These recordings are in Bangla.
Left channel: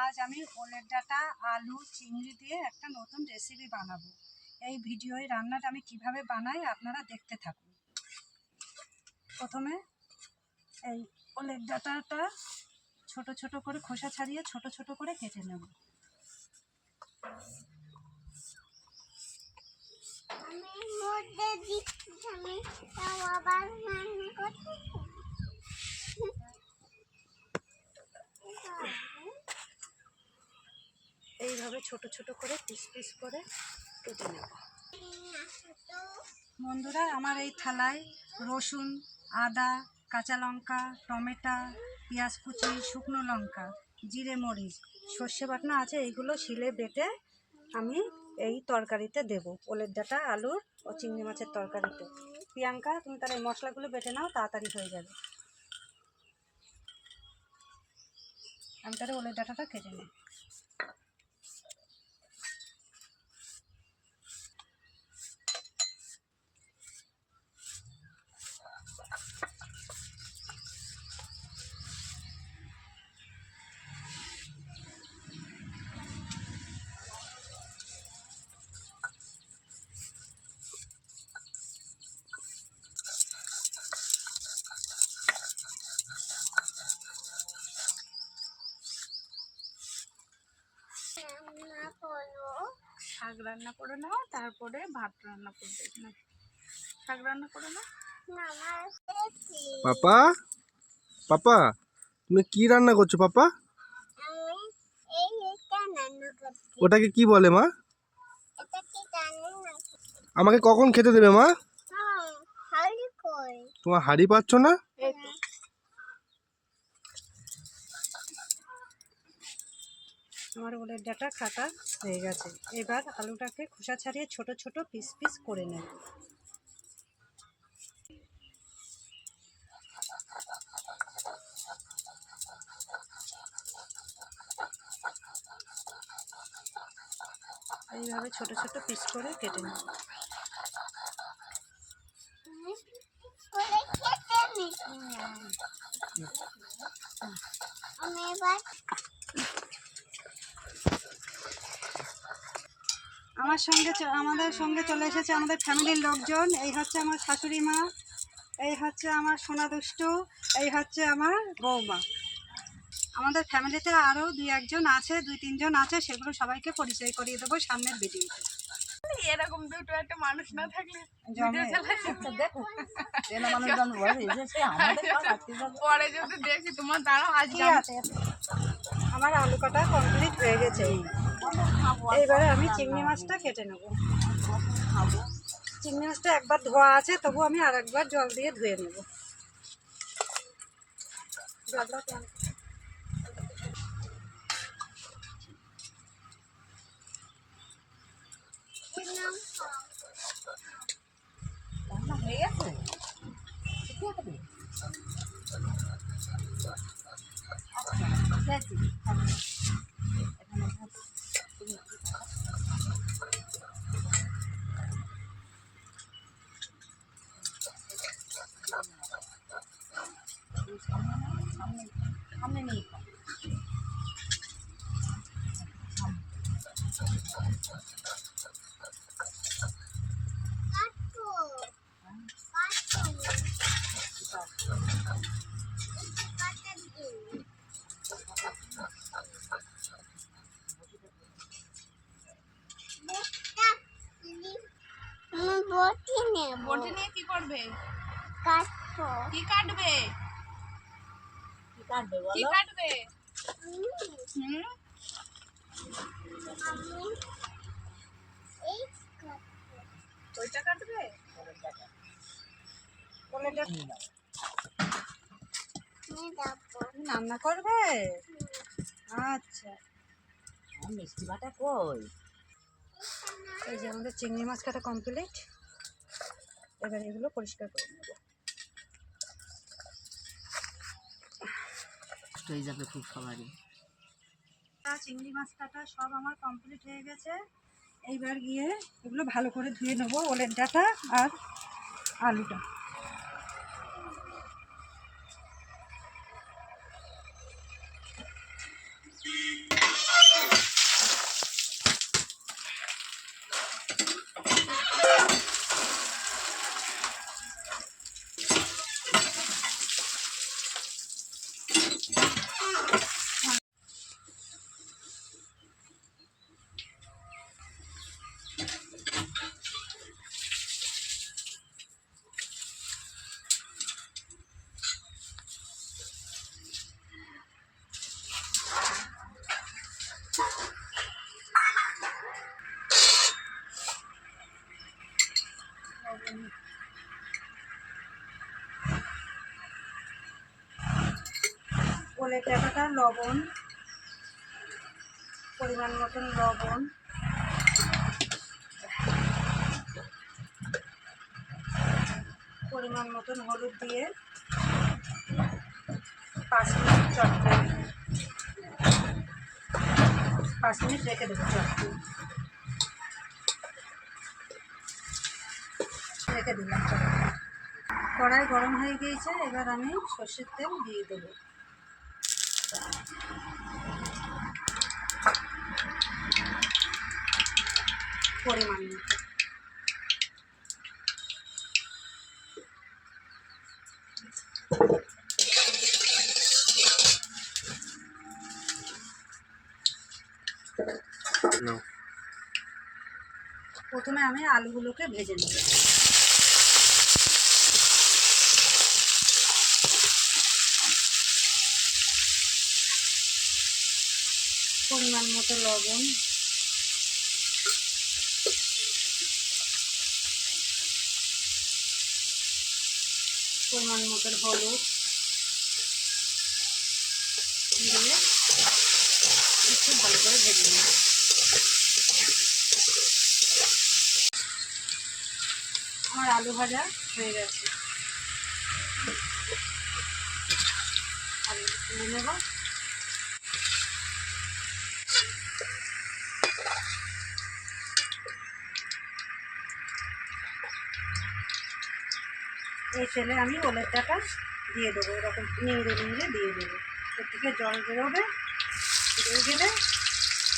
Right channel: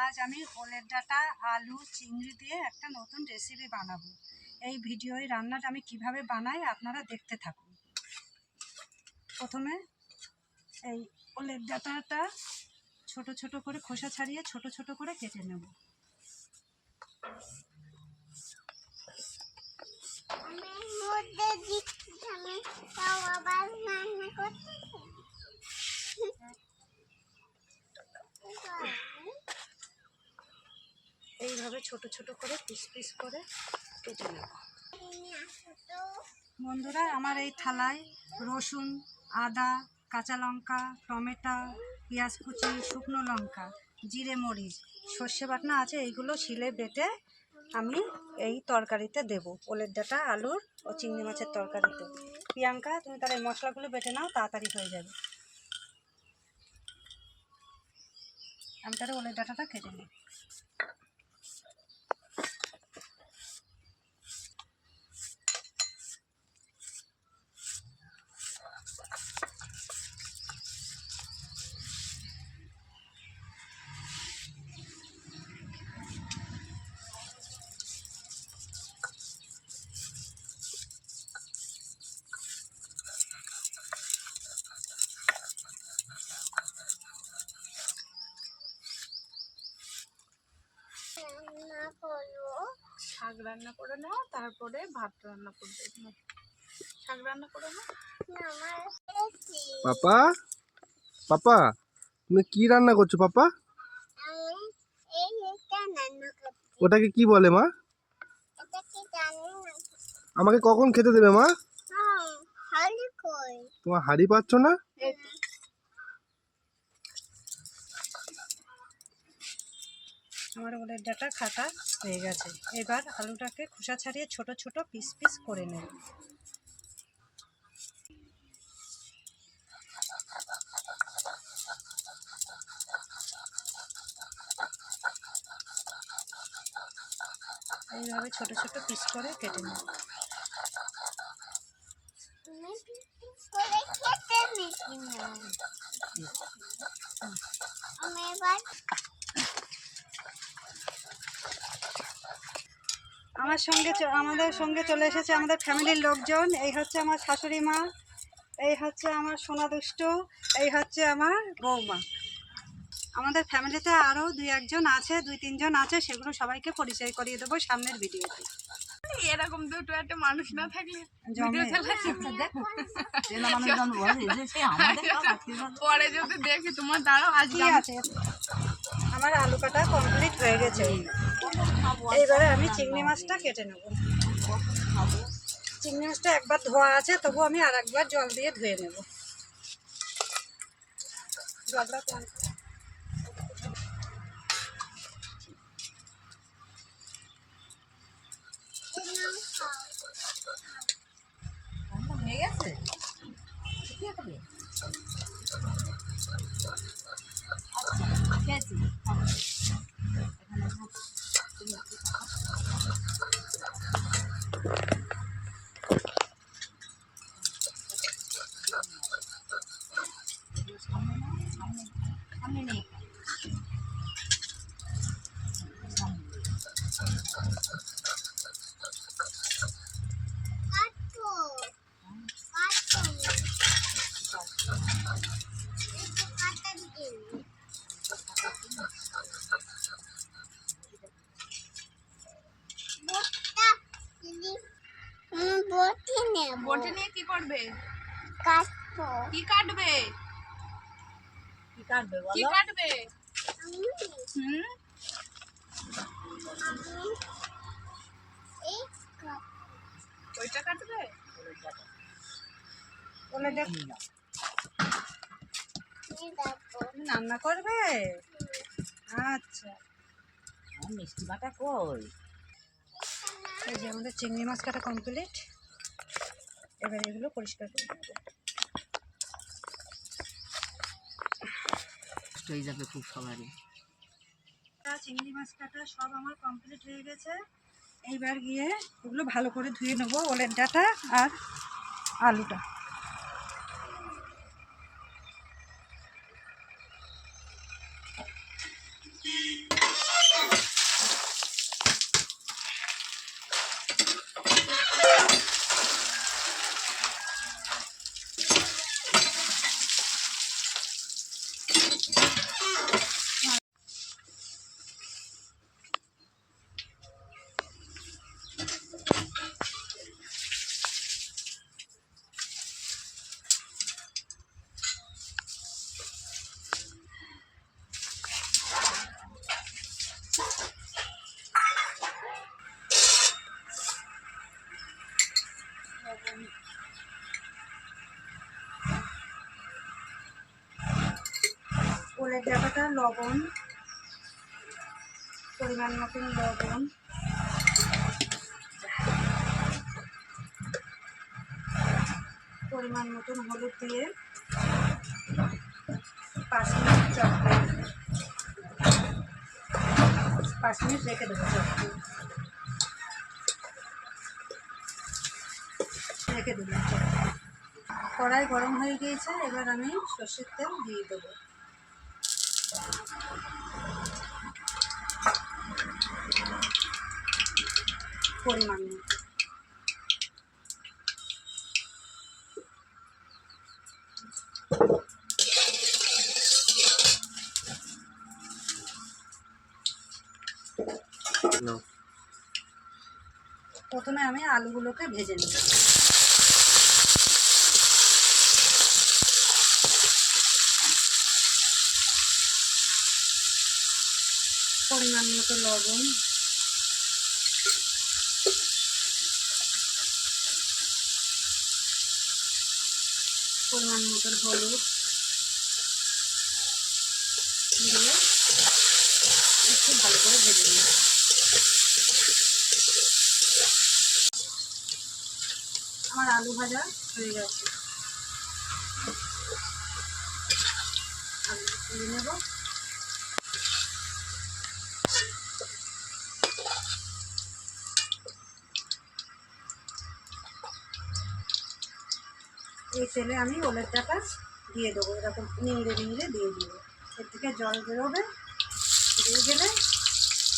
আজ আমি ওলের ডাঁটা আলু চিংড়ি দিয়ে একটা নতুন রেসিপি বানাবো। এই ভিডিওয় রান্নাটা আমি কিভাবে বানাই আপনারা দেখতে থাকুন। প্রথমে এই ওলের ডাঁটাটা ছোট ছোট করে খোসা ছাড়িয়ে ছোট ছোট করে কেটে নেব। এইভাবে ছোট ছোট করে পিস পিস করে কেটে নেব। বন্ধুরা, আমার এই থালায় রসুন, আদা, কাঁচা লঙ্কা, টমেটো, পেঁয়াজ কুচি, শুকনো লঙ্কা, জিরে মরিচ, সর্ষে বাটনা আছে। এইগুলো শিলে বেটে আমি এই তরকারিতে দেব, ওলের ডাঁটা আলুর ও চিংড়ি মাছের তরকারিতে। প্রিয়াঙ্কা, তুমি তাহলে এই মশলাগুলো বেটে নাও, তাড়াতাড়ি হয়ে যাবে। আমি তাহলে ওলের ডাঁটাটা কেটে নিই। শাক রান্না করে নাও, তারপরে ভাত রান্না করবে। শাক রান্না করে নাও। পাপা, পাপা, তুমি কি রান্না করছো পাপা? ওটাকে কি বলে মা? আমাকে কখন খেতে দেবে মা? তোমার হাঁড়ি পাচ্ছ না? আমার ওলের ডাঁটা কাটা হয়ে গেছে। এবার আলুটাকে খোসা ছাড়িয়ে ছোট ছোট পিস পিস করে নেব। এইভাবে ছোট ছোট পিস করে কেটে নেব। আমাদের সঙ্গে চলে এসেছে আমাদের ফ্যামিলির লোকজন। এই হচ্ছে আমার শাশুড়ি মা, এই হচ্ছে আমার সোনা দুষ্টু, এই হচ্ছে আমার বৌমা। আমাদের ফ্যামিলিতে আরও দুই তিনজন আছে, সেগুলো সবাইকে পরিচয় করিয়ে দেবো সামনের ভিডিওতে। এরকম দুটো একটা মানুষ না থাকলে পরে যদি দেখি তোমার দ্বারা কি আছে। আমার আলু কাটা কমপ্লিট হয়ে গেছে। এইবারে আমি চিংড়ি মাছটা কেটে নেব। চিংড়ি মাছটা একবার ধোয়া আছে, তবু আমি আর একবার জল দিয়ে ধুয়ে নেব। রান্না হয়ে গেছে। সামনে নেই। বটি নিয়ে কি করবে? কাটবো। কি কাটবে? কি কাটবে কি বলো? কাটবে? ওইটা কাটবে? রান্না করবে? আচ্ছা, মিষ্টি বাটা কই? এই যে আমাদের চিংড়ি মাছ কাটা কমপ্লিট। এবার এগুলো পরিষ্কার করে নেব। হয়ে যাবে খুব সবারই। চিংড়ি মাছ কাটা সব আমার কমপ্লিট হয়ে গেছে। এইবার গিয়ে এগুলো ভালো করে ধুয়ে নেবো, ওলের ডাঁটা আর আলুটা। ওলের ডাঁটাটা লবণ, পরিমাণ মতন লবণ, পরিমাণ মতন হলুদ দিয়ে 5 মিনিট চটকে 5 মিনিট রেখে দেবো। চটকে রেখে দিলাম চটকে। কড়াই গরম হয়ে গিয়েছে, এবার আমি সর্ষের তেল দিয়ে দেবো। পরিমাণ মতো। নাও। প্রথমে আমি আলুগুলোকে ভেজে নেব। পরিমাণ মতো লবণ, পরিমাণ মতো হলুদ দিয়ে একটু ভালো করে ভেজে নেব। আমার আলু ভাজা হয়ে গেছে, আলু তুলে নেব। এই তেলে আমি ওলের ডাঁটা দিয়ে দেবো, এরকম নিংড়ে নিংড়ে দিয়ে দেবো। এর থেকে জল বেরোবে, বেরিয়ে গেলে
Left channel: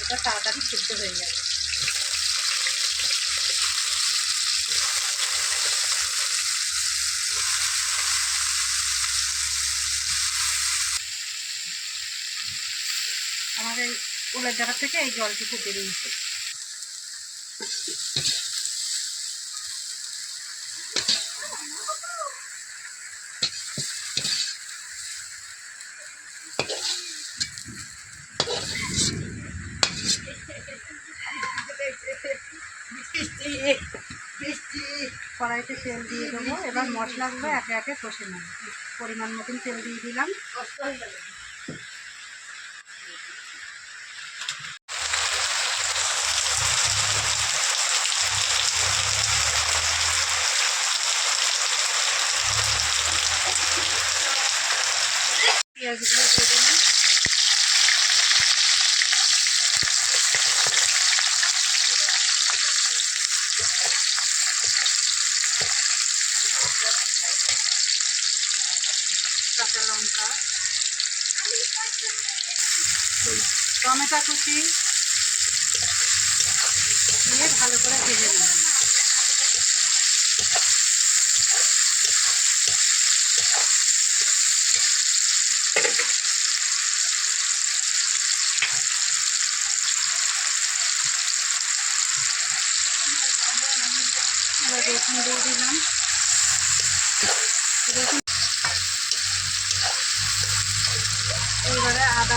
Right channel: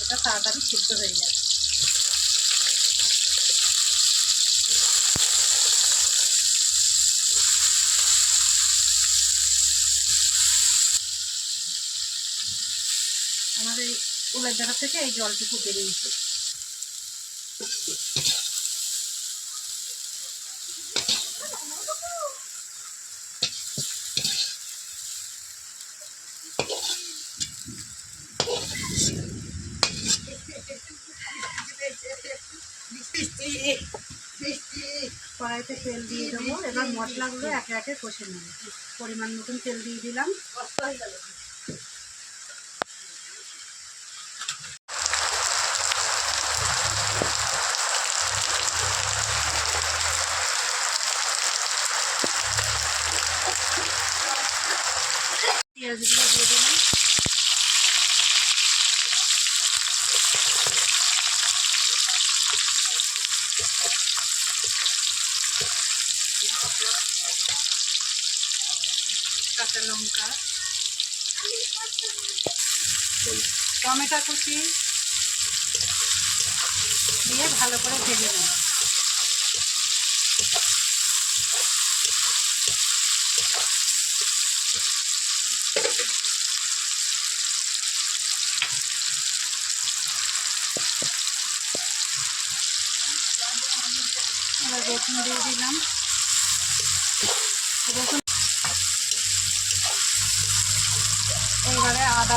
এটা তাড়াতাড়ি সিদ্ধ হয়ে যাবে। আমার এই ওলের ডাঁটা থেকে এই জলটুকু বেরিয়েছে। কড়াইতে তেল দিয়ে দেবো, এবার মশলাগুলো একে একে কষে নেব। পরিমাণ মতন তেল দিয়ে দিলাম। পেঁয়াজগুলো দিয়ে দিলাম। কাঁচা লঙ্কা, টমেটো কুচি দিয়ে ভালো করে ভেজে নেব। এবার রসুন দিয়ে দিলাম। রসুন এইবারে আদা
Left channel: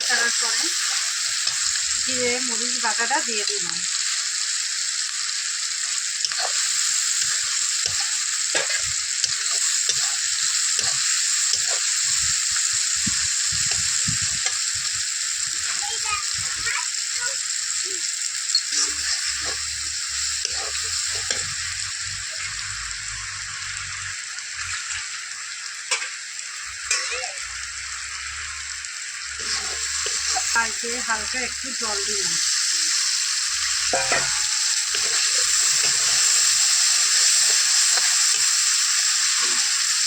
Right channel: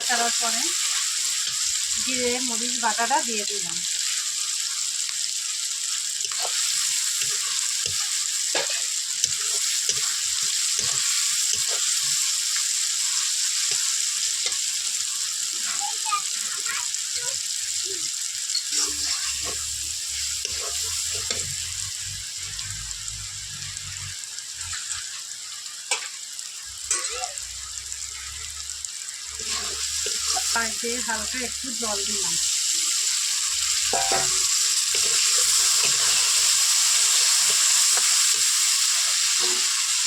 করার পরে জিরে মরিচ বাটাটা দিয়ে দিলাম। আর দিয়ে হালকা একটু জল দিলাম।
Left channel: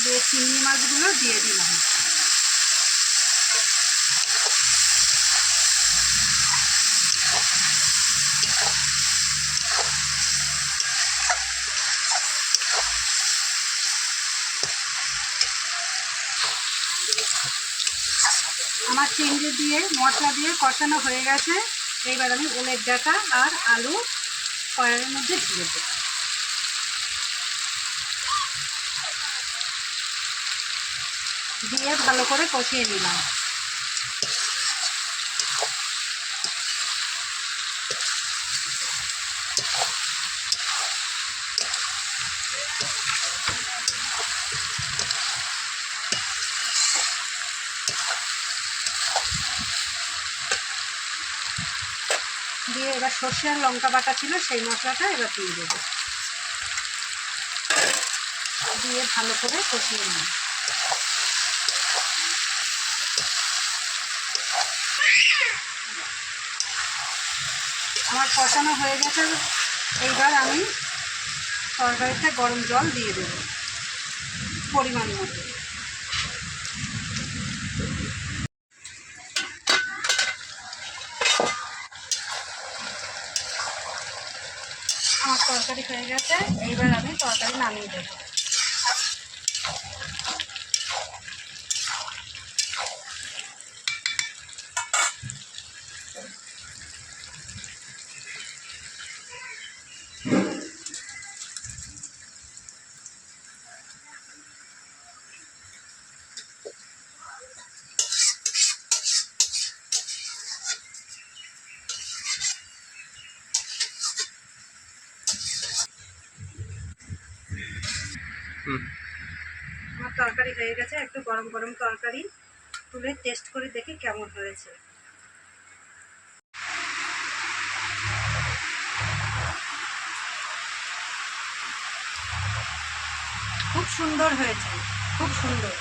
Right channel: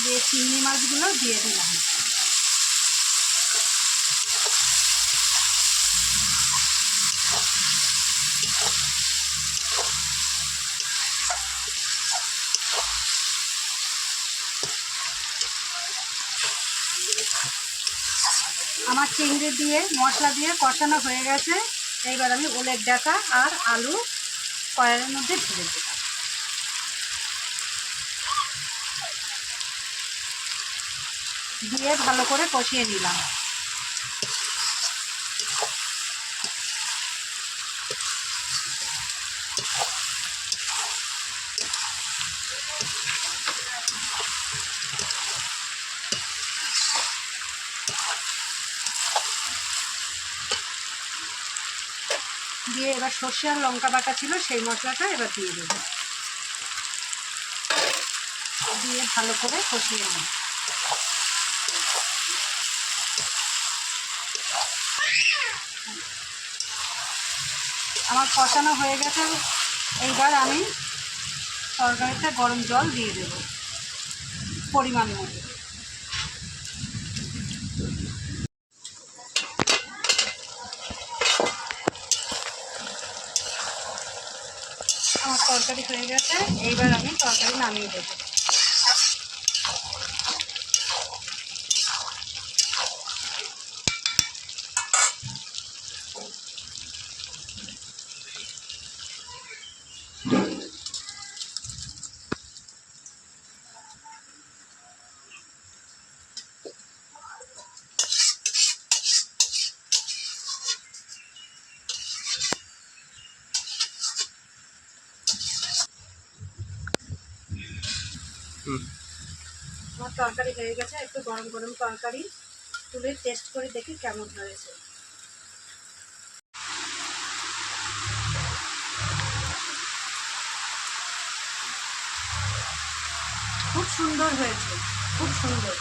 দিয়ে চিংড়ি মাছগুলো দিয়ে দিলাম। আমার চিংড়ি দিয়ে মশলা দিয়ে কষানো হয়ে গেছে। এইবার আমি ওলের ডাঁটা আর আলু কড়াইয়ের মধ্যে ঢেলে দেব। দিয়ে ভালো করে কষিয়ে নিলাম। দিয়ে এবার সর্ষে আর লঙ্কা বাটা ছিল সেই মশলাটা এবার দিয়ে দেবো, দিয়ে ভালো করে কষিয়ে নেব। আমার কষানো হয়ে গেছে, এইবার আমি তরকারিতে গরম জল দিয়ে দেব পরিমাণ মতো। আমার তরকারি হয়ে গেছে, এইবার আমি তরকারি নামিয়ে দেবো। আমার তরকারি হয়ে গেছে, একটু গরম গরম তরকারি তুলে টেস্ট করে দেখি কেমন হয়েছে। খুব সুন্দর হয়েছে, খুব সুন্দর।